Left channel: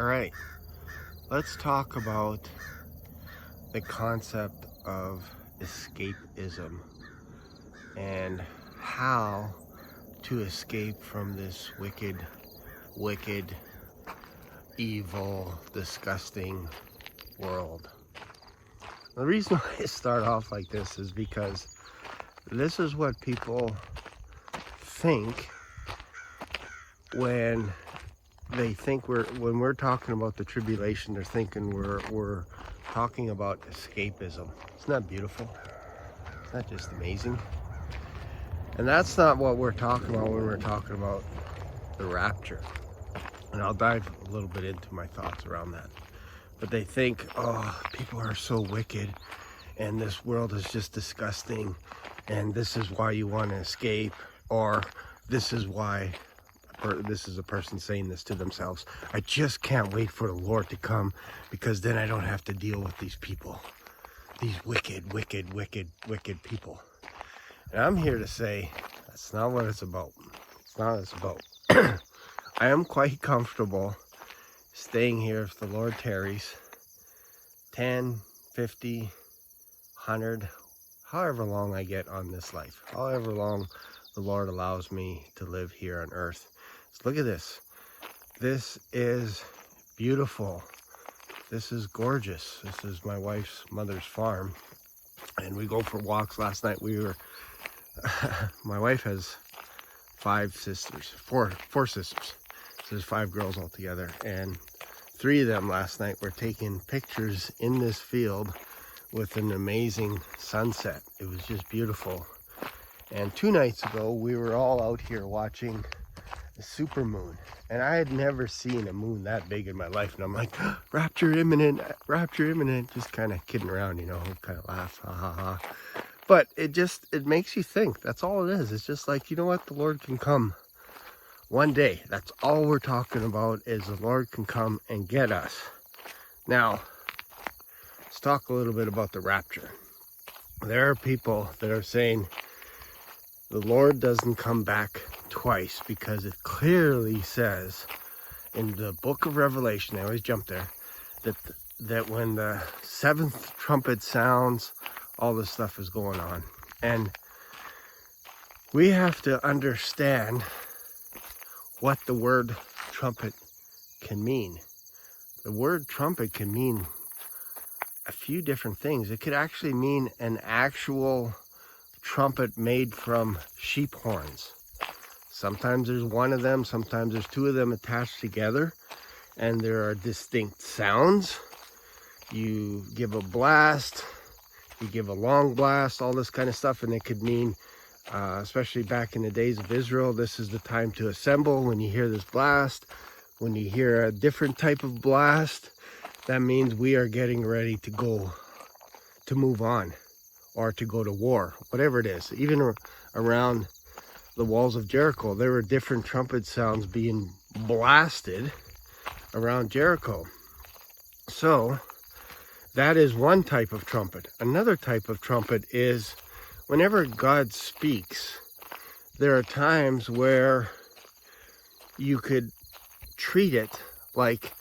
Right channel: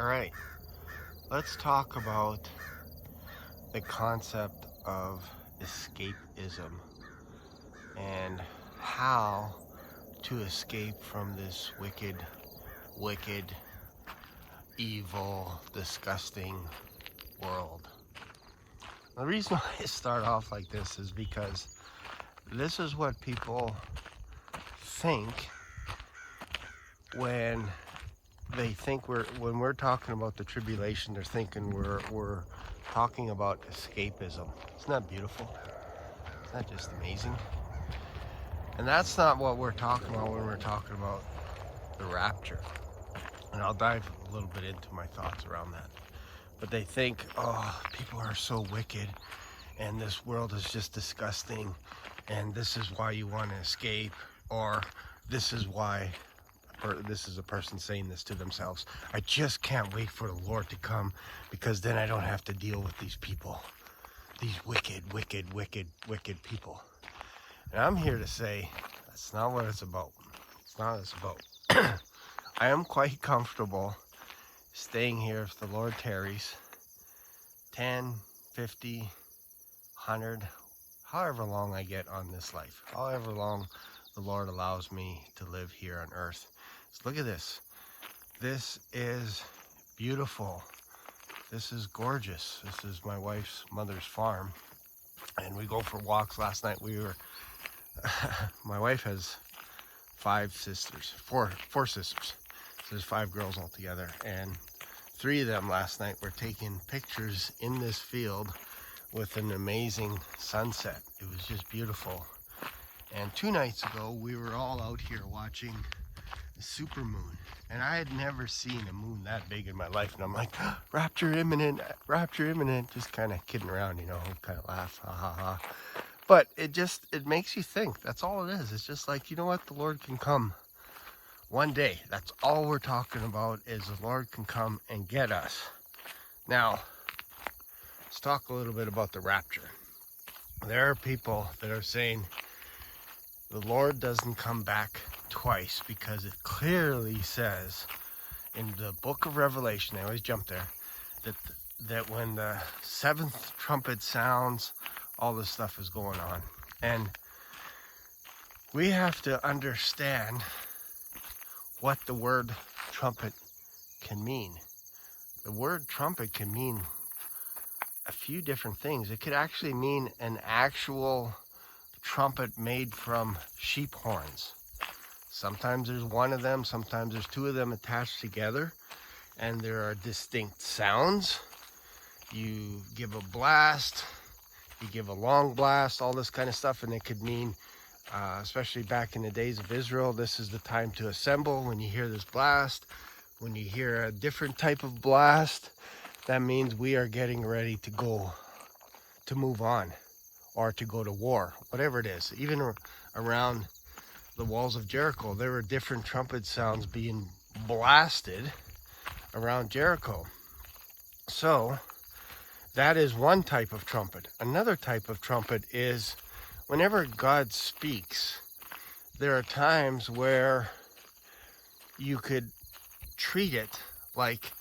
All right, let's talk about the concept of escapism and how to escape from this wicked, evil, disgusting world. The reason why I start off like this is because this is what people think when they think when we're talking about the tribulation. They're thinking we're talking about escapism. Isn't that beautiful? Isn't that just amazing? And that's not what we're talking about when we're talking about the rapture. And I'll dive a little bit into my thoughts around that. But they think, oh, people are so wicked and this world is just disgusting and this is why you want to escape, or this is why, or this is a person saying this to themselves, I just can't wait for the Lord to come because then I don't have to deal with these people, these wicked people. And I'm here to say that's not what it's about. It's not what it's about. I am quite comfortable staying here if the Lord tarries 10, 50, 100, however long I get on this life, however long the Lord allows me to live here on earth. So look at this. This is beautiful. This is gorgeous. This is my wife's mother's farm. And we go for walks. Last night we were, my wife has four sisters. So there's 5 girls altogether. And 3 of them last night were taking pictures in this field with an amazing sunset. It was just beautiful. And 2 nights ago, we were all out here watching the super moon. And I had never seen a moon that big in my life. And I'm like, rapture imminent, just kind of kidding around, you know, kind of laugh, ha ha ha. But it makes you think. That's all it is. It's just like, you know what, the Lord can come one day. That's all we're talking about, is the Lord can come and get us. Now, let's talk a little bit about the rapture. There are people that are saying the Lord doesn't come back twice because it clearly says in the book of Revelation, I always jump there, that when the 7th trumpet sounds, all this stuff is going on. And we have to understand what the word trumpet can mean. The word trumpet can mean a few different things. It could actually mean an actual trumpet made from sheep horns. Sometimes there's one of them, sometimes there's 2 of them attached together, and there are distinct sounds. You give a blast, you give a long blast, all this kind of stuff, and it could mean, especially back in the days of Israel, this is the time to assemble. When you hear this blast, when you hear a different type of blast, that means we are getting ready to go, to move on, or to go to war, whatever it is. Even around the walls of Jericho, there were different trumpet sounds being blasted around Jericho. So that is one type of trumpet. Another type of trumpet is whenever God speaks, there are times where you could treat it like,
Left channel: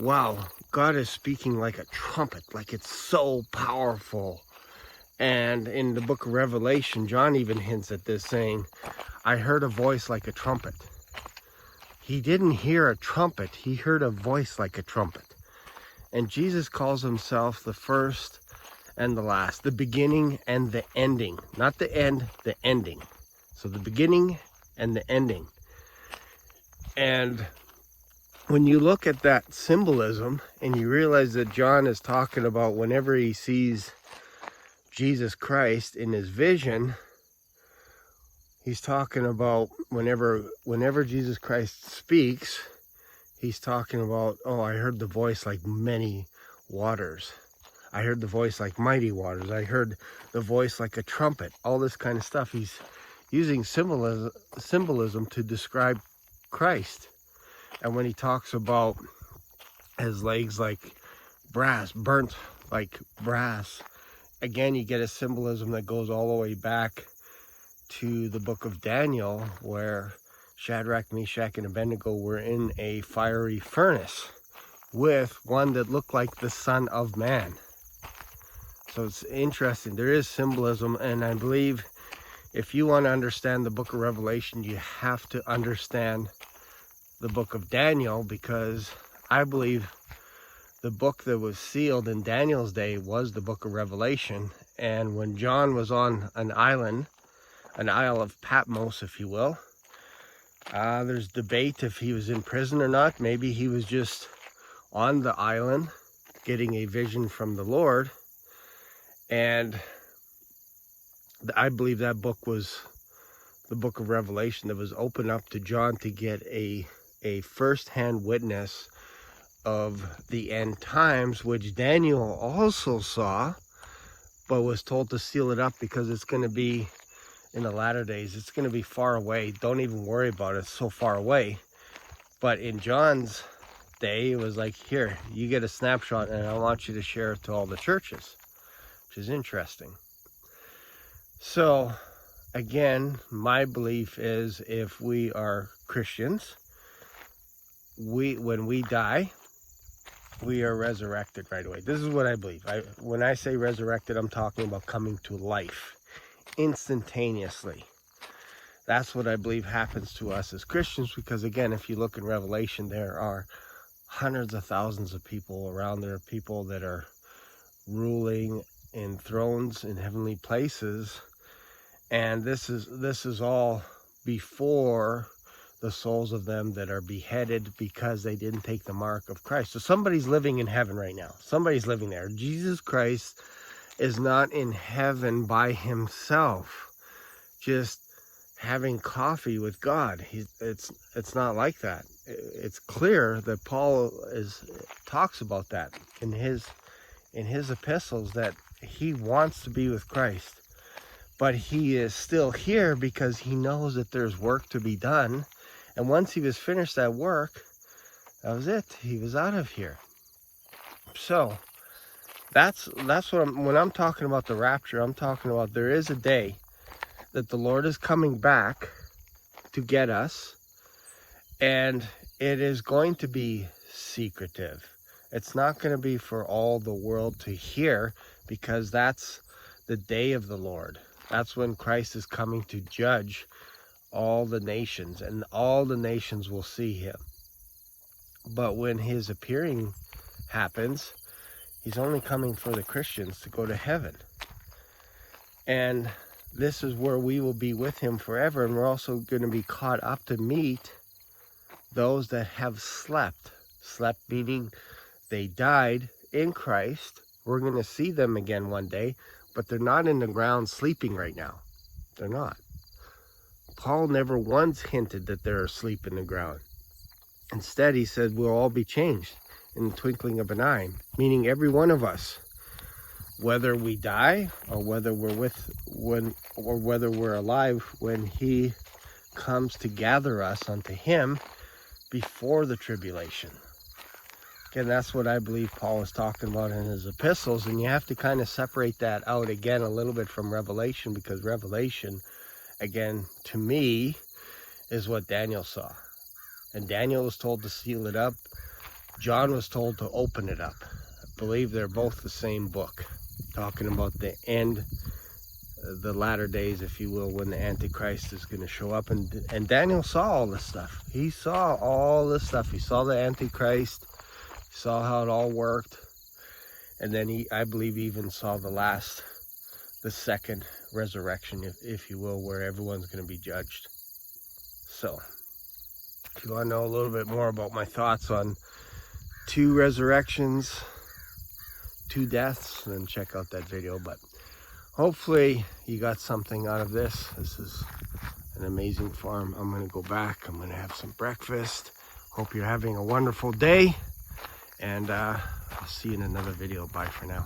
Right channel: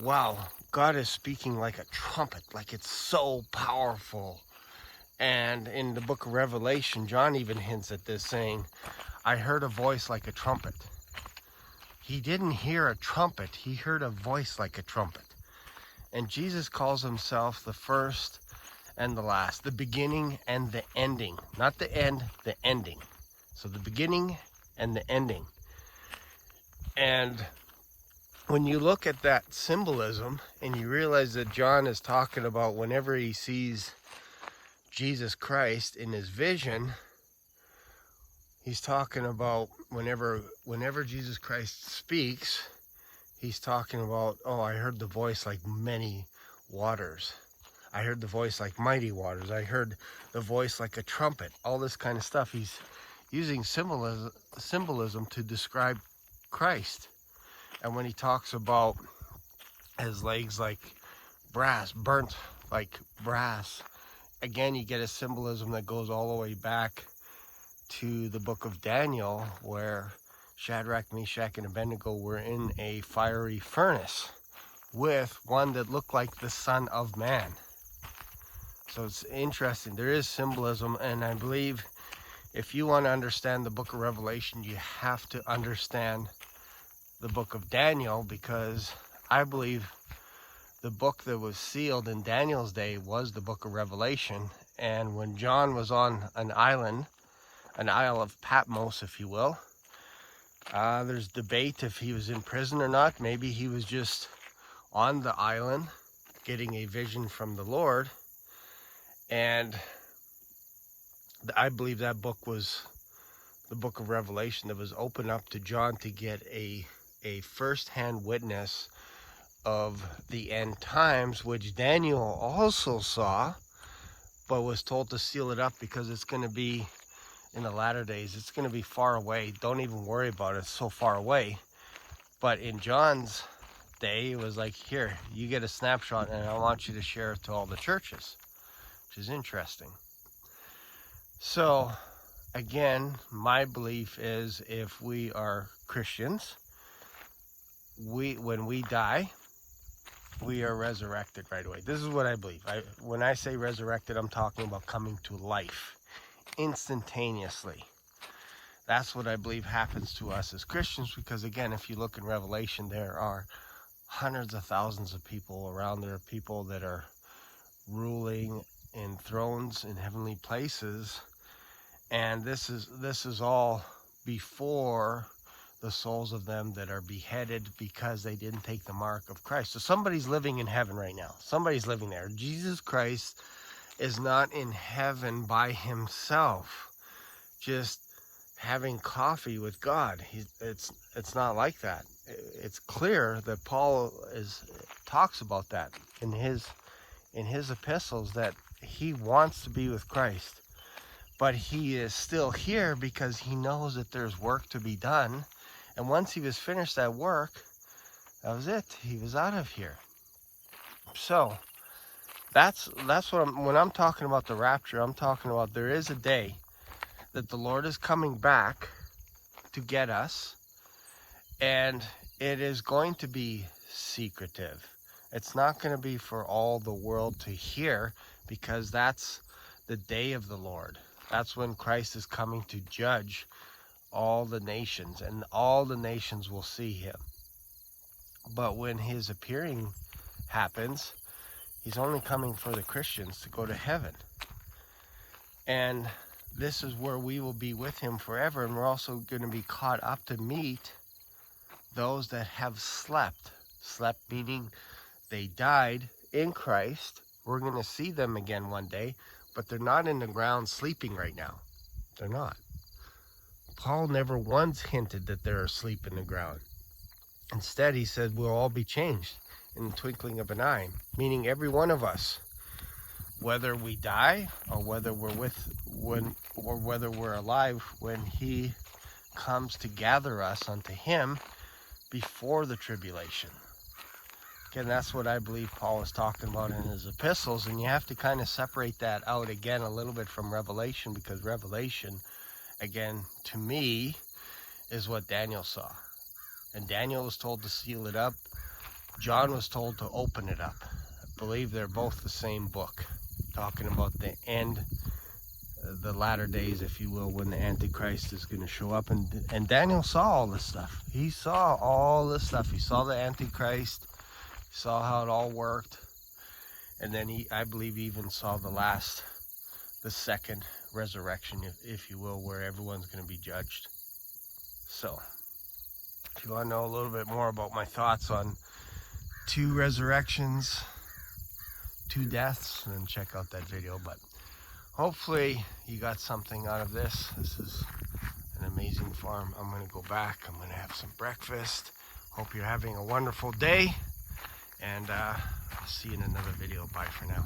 wow, God is speaking like a trumpet, like it's so powerful. And in the book of Revelation, John even hints at this, saying, I heard a voice like a trumpet. He didn't hear a trumpet, he heard a voice like a trumpet. And Jesus calls himself the first and the last, the beginning and the ending. Not the end, the ending. So the beginning and the ending. And when you look at that symbolism and you realize that John is talking about whenever he sees Jesus Christ in his vision, he's talking about whenever Jesus Christ speaks, he's talking about, oh, I heard the voice like many waters. I heard the voice like mighty waters. I heard the voice like a trumpet. All this kind of stuff. He's using symbolism to describe Christ. And when he talks about his legs like brass, burnt like brass, again, you get a symbolism that goes all the way back to the book of Daniel, where Shadrach, Meshach, and Abednego were in a fiery furnace. with one that looked like the Son of Man. So it's interesting. There is symbolism, and I believe if you want to understand the book of Revelation, you have to understand the book of Daniel, because I believe the book that was sealed in Daniel's day was the book of Revelation. And when John was on an island, an Isle of Patmos, if you will, there's debate if he was in prison or not. Maybe he was just on the island getting a vision from the Lord. And I believe that book was the book of Revelation that was opened up to John to get a first-hand witness of the end times, which Daniel also saw, but was told to seal it up because it's going to be in the latter days. It's going to be far away. Don't even worry about it. It's so far away. But in John's day, it was like, here, you get a snapshot, and I want you to share it to all the churches, which is interesting. So, again, my belief is if we are Christians, when we die, we are resurrected right away. This is what I believe. When I say resurrected, I'm talking about coming to life instantaneously. That's what I believe happens to us as Christians, because again, if you look in Revelation, there are hundreds of thousands of people around. There are people that are ruling in thrones in heavenly places, and this is all before the souls of them that are beheaded because they didn't take the mark of Christ. So somebody's living in heaven right now. Somebody's living there. Jesus Christ is not in heaven by himself, just having coffee with God. It's not like that. It's clear that Paul talks about that in his epistles, that he wants to be with Christ, but he is still here because he knows that there's work to be done. And once he was finished that work, that was it. He was out of here. So that's what when I'm talking about the rapture, I'm talking about there is a day that the Lord is coming back to get us, and it is going to be secretive. It's not going to be for all the world to hear, because that's the day of the Lord. That's when Christ is coming to judge all the nations, and all the nations will see him. But when his appearing happens, he's only coming for the Christians to go to heaven. And this is where we will be with him forever, and we're also going to be caught up to meet those that have slept. Slept meaning they died in Christ. We're going to see them again one day, but they're not in the ground sleeping right now. They're not. Paul never once hinted that they're asleep in the ground. Instead, he said we'll all be changed in the twinkling of an eye, meaning every one of us, whether we die or whether we're alive when he comes to gather us unto him before the tribulation. Again, that's what I believe Paul is talking about in his epistles, and you have to kind of separate that out again a little bit from Revelation, because Revelation, again, to me, is what Daniel saw. And Daniel was told to seal it up. John was told to open it up. I believe they're both the same book, talking about the end, the latter days, if you will, when the Antichrist is going to show up. And Daniel saw all this stuff. He saw all this stuff. He saw the Antichrist. He saw how it all worked. And then I believe he even saw the second resurrection, if you will, where everyone's going to be judged. So, if you want to know a little bit more about my thoughts on 2 resurrections, 2 deaths, then check out that video. But hopefully you got something out of this. This is an amazing farm. I'm going to go back. I'm going to have some breakfast. Hope you're having a wonderful day, and I'll see you in another video. Bye for now.